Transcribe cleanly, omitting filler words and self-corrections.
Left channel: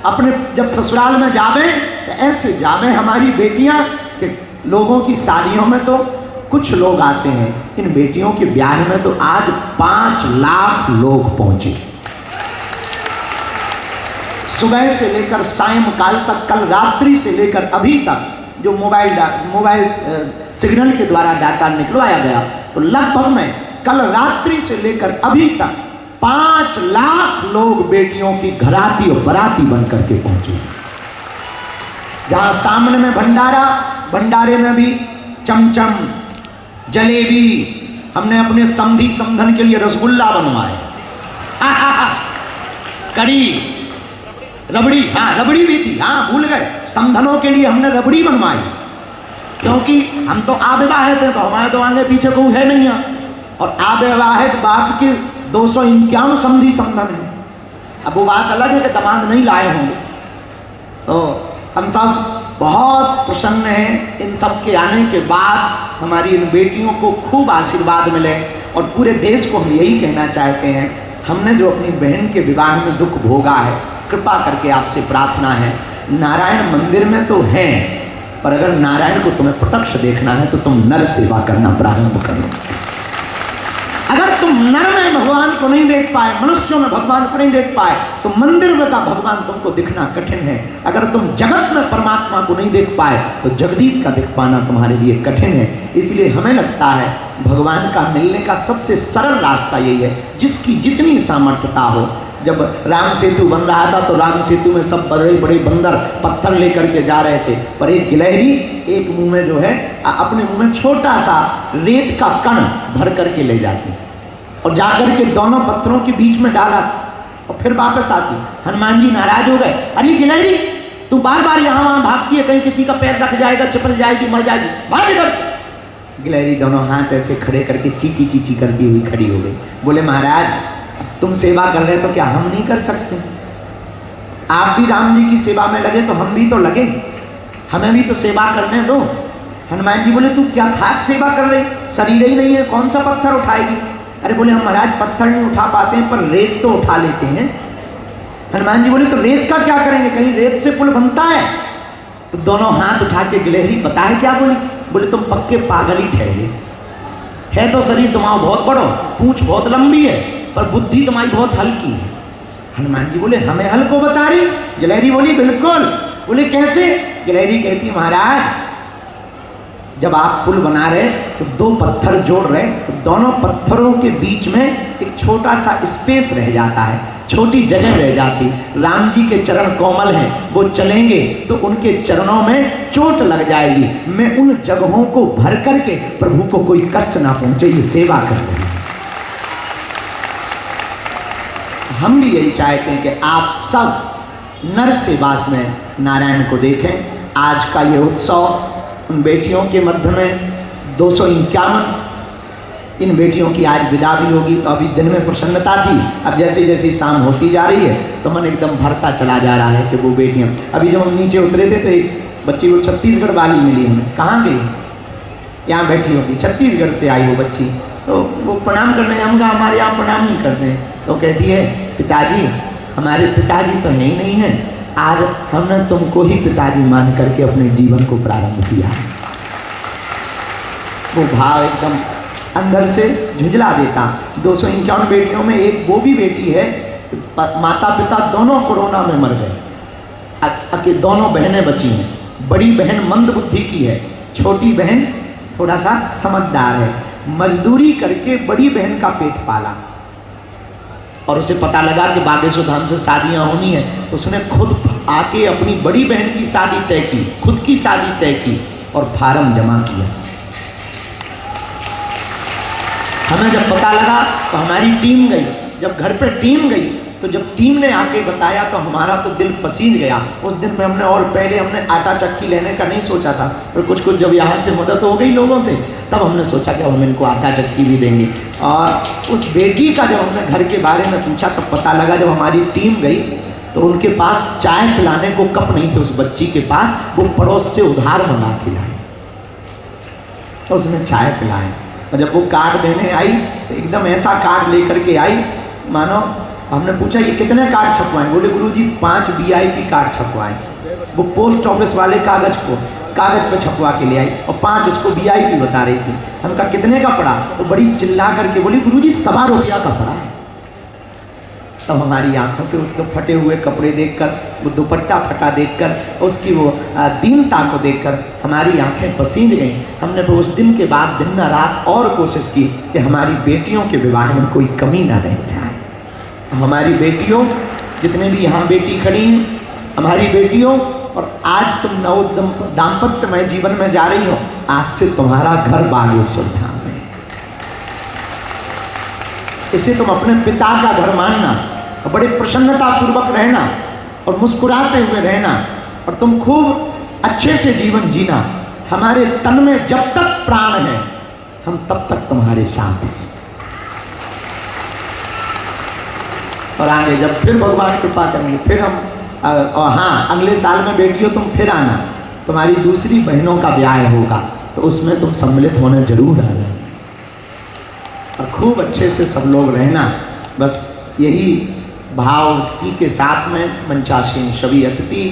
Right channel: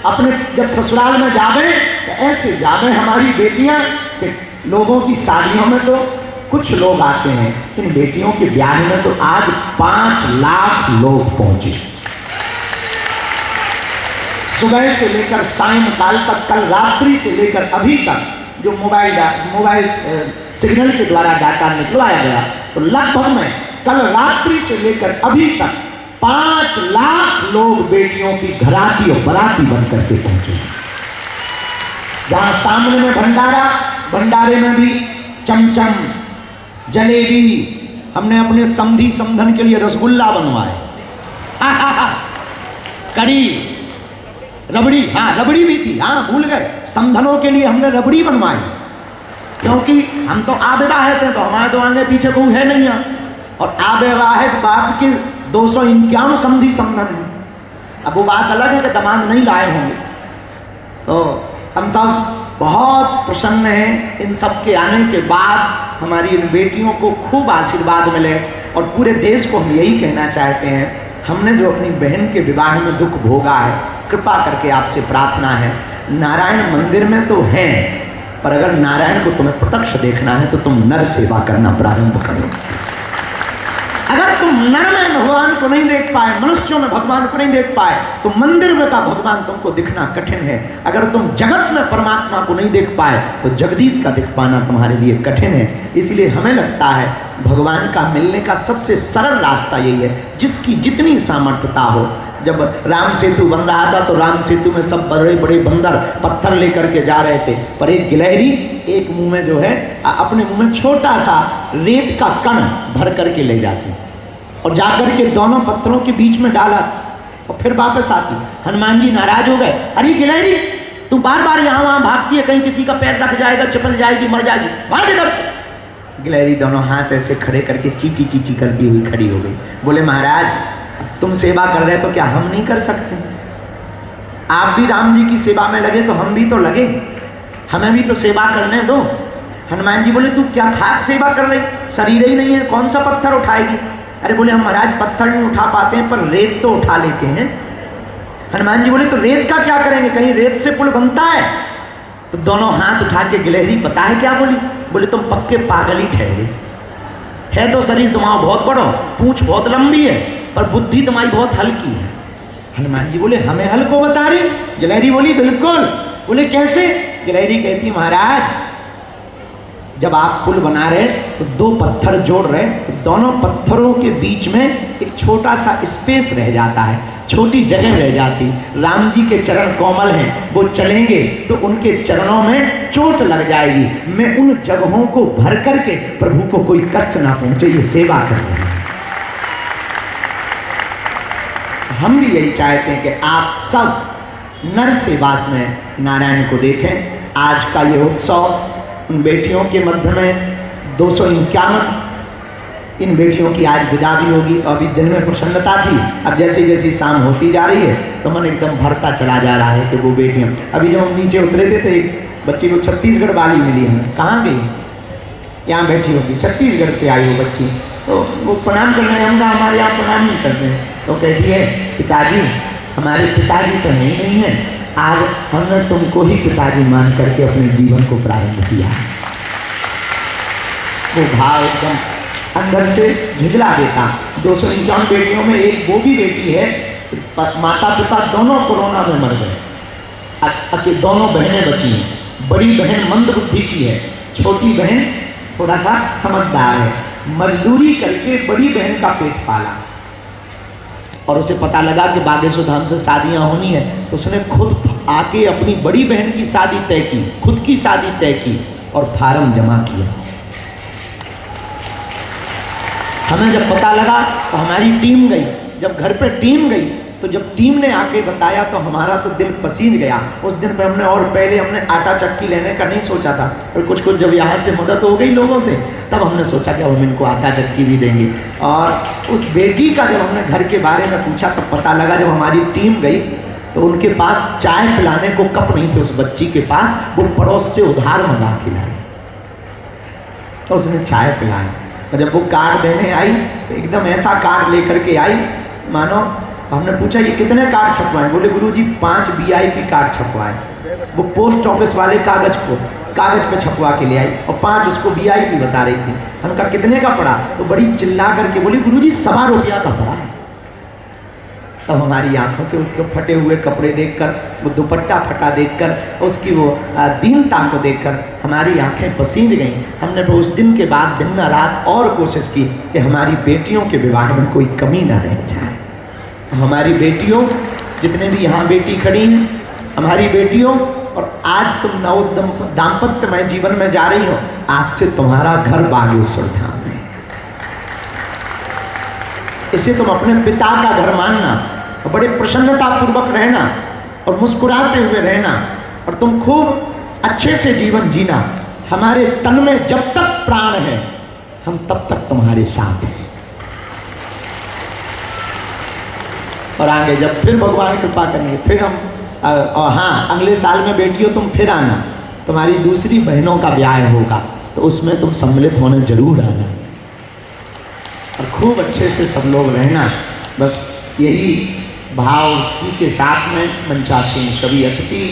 अपने जब ससुराल में जावे तो ऐसे जावे हमारी बेटियां कि लोगों की शादियों में तो कुछ लोग आते हैं, इन बेटियों के ब्याह में तो आज 5 लाख लोग पहुंचे, सुबह से लेकर सायंकाल तक, कल रात्रि से लेकर अभी तक जो मोबाइल सिग्नल के द्वारा डाटा निकलवाया गया, तो लगभग में कल रात्रि से लेकर अभी तक 5 लाख लोग बेटियों की घराती और बराती बनकर के पहुंचे। जहां सामने में भंडारा, भंडारे में भी चमचम, जलेबी, हमने अपने समधी समधन के लिए रसगुल्ला बनवाए, कड़ी, रबड़ी, हाँ रबड़ी भी थी, हाँ भूल गए, समधनों के लिए हमने रबड़ी बनवाई, क्योंकि हम तो अविवाहित हैं, तो हमारे तो आगे पीछे कोई है नहीं है, और अविवाहित बाप की 251 समधी समधन है। अब वो बात अलग है कि दामाद नहीं लाए होंगे, तो हम सब बहुत प्रसन्न हैं इन सब के आने के बाद हमारी इन बेटियों को खूब आशीर्वाद मिले। और पूरे देश को हम यही कहना चाहते हैं, हमने जो अपनी बहन के विवाह में दुख भोगा है, कृपा करके आपसे प्रार्थना है, नारायण मंदिर में तो है, पर अगर नारायण को तुम्हें प्रत्यक्ष देखना है तो तुम नर सेवा करना प्रारंभ करो। अगर तुम नर में भगवान को नहीं देख पाए, मनुष्यों में भगवान को नहीं देख पाए, तो मंदिर में का भगवान तुमको दिखना कठिन है। अगर तुम जगत में परमात्मा को नहीं देख पाए तो जगदीश का दिख पाना तुम्हारे लिए कठिन है। इसलिए हमें लगता है भगवान का मिलने का सबसे सरल रास्ता यही है, जिसकी जितनी सामर्थ्यता हो। जब राम सेतु बन रहा था तो राम सेतु में सब बड़े बड़े बंदर पत्थर लेकर के जा रहे थे, पर एक गिलहरी एक मुंह में जो है अपने मुंह में छोटा सा रेत का कण भर करके ले जाती और जाकर के दोनों पत्थरों के बीच में डाला और फिर वापस आती। हनुमान जी नाराज हो गए, अरे गिलहरी तू बार बार यहाँ वहाँ भागती है, कहीं किसी का पैर रख जाएगा, चिपल जाएगी, मर जाएगी, भाग इधर से। गिलहरी दोनों हाथ ऐसे खड़े करके चीची चीची करती हुई खड़ी हो गई। बोले महाराज तुम सेवा कर रहे तो क्या हम नहीं कर सकते? आप भी राम जी की सेवा में लगे तो हम भी तो लगे, हमें भी तो सेवा करने दो। हनुमान जी बोले तू क्या खाक सेवा कर रही, शरीर ही नहीं है, कौन सा पत्थर उठाएगी? अरे बोले हम महाराज पत्थर नहीं उठा पाते हैं, पर रेत तो उठा लेते हैं। हनुमान जी बोले तो रेत का क्या करेंगे, कहीं रेत से पुल बनता है? तो दोनों हाथ उठा के गिलहरी पता है क्या बोली? बोले तुम पक्के पागल ही ठहरे, है तो शरीर तुम्हारा बहुत बड़ा, पूंछ बहुत लंबी है, पर बुद्धि तुम्हारी बहुत हल्की है। हनुमान जी बोले हमें हल्को बता रही? गिलहरी बोली बिल्कुल। बोले कैसे? गिलहरी कहती महाराज जब आप पुल बना रहे तो 2 पत्थर जोड़ रहे तो दोनों पत्थरों के बीच में एक छोटा सा स्पेस रह जाता है, छोटी जगह रह जाती। राम जी के चरण कोमल हैं, वो चलेंगे तो उनके चरणों में चोट लग जाएगी। मैं उन जगहों को भर करके प्रभु को कोई कष्ट ना पहुंचे, ये सेवा कर रहे हैं। हम भी यही चाहते हैं कि आप सब नर सेवा में नारायण को देखें। आज का ये उत्सव उन बेटियों के मध्य में 251 इन बेटियों की आज विदा भी होगी, तो अभी दिन में प्रसन्नता थी, अब जैसे जैसे शाम होती जा रही है तो मन एकदम भरता चला जा रहा है कि वो बेटियां। अभी जब हम नीचे उतरे थे तो एक बच्ची को छत्तीसगढ़ वाली मिली हमें, कहाँ गई? यहाँ बैठी होगी, छत्तीसगढ़ से आई वो बच्ची, तो वो प्रणाम करने आए, हमका हमारे यहाँ प्रणाम नहीं करते हैं, तो कहती है पिताजी हमारे पिताजी तो नहीं है, आज हमने तुमको ही पिताजी मान करके अपने जीवन को प्रारंभ किया। वो भाव एकदम अंदर से झुंझला देता। 251 बेटियों में एक वो भी बेटी है, माता पिता दोनों कोरोना में मर गए, दोनों बहनें बची हैं। बड़ी बहन मंद बुद्धि की है, छोटी बहन थोड़ा सा समझदार है, मजदूरी करके बड़ी बहन का पेट पाला और उसे पता लगा कि बागेश्वर धाम से शादियां होनी है, तो उसने खुद आके अपनी बड़ी बहन की शादी तय की, खुद की शादी तय की और फार्म जमा किया। हमें जब पता लगा तो हमारी टीम गई, जब घर पे टीम गई तो जब टीम ने आके बताया तो हमारा तो दिल पसीज गया। उस दिन पे हमने और पहले हमने आटा चक्की लेने का नहीं सोचा था, और कुछ कुछ जब यहाँ से मदद हो गई लोगों से तब हमने सोचा कि हम इनको आटा चक्की भी देंगे। और उस बेटी का जब हमने घर के बारे में पूछा तो पता लगा जब हमारी टीम गई तो उनके पास चाय पिलाने को कप नहीं थे उस बच्ची के पास, वो पड़ोस से उधार मंगा के लाई तो उसने चाय पिलाई। और जब वो कार्ड देने आई तो एकदम ऐसा कार्ड लेकर के आई मानो हमने पूछा ये कितने कार्ड छपवाए? बोले गुरुजी 5 VIP कार्ड छपवाए। वो पोस्ट ऑफिस वाले कागज पे छपवा के ले आई और 5 उसको VIP बता रही थी। हम कहा कितने का पड़ा? तो बड़ी चिल्ला करके बोली गुरुजी 1.25 रुपया का पड़ा। तो हमारी आंखों से उसके फटे हुए कपड़े देखकर, वो दुपट्टा फटा देखकर, उसकी वो दीनता को देखकर हमारी आंखें पसीज गईं। हमने तो उस दिन के बाद दिन रात और कोशिश की कि हमारी बेटियों के विवाह में कोई कमी ना रह जाए। हमारी बेटियों, जितने भी यहाँ बेटी खड़ी हैं, हमारी बेटियों, और आज तुम नव दाम्पत्यमय जीवन में जा रही हो, आज से तुम्हारा घर बागेश्वर धाम है। इसे तुम अपने पिता का घर मानना और बड़े प्रसन्नता पूर्वक रहना और मुस्कुराते हुए रहना, और तुम खूब अच्छे से जीवन जीना। हमारे तन में जब तक प्राण है, हम तब तक तुम्हारे साथ हैं। और आगे जब फिर भगवान कृपा करेंगे, फिर हम और हाँ, अगले साल में बेटियों तुम फिर आना, तुम्हारी दूसरी बहनों का ब्याह होगा, तो उसमें तुम सम्मिलित होने जरूर आना और खूब अच्छे से सब लोग रहना। बस यही भाव के साथ में मंचासीन सभी अतिथि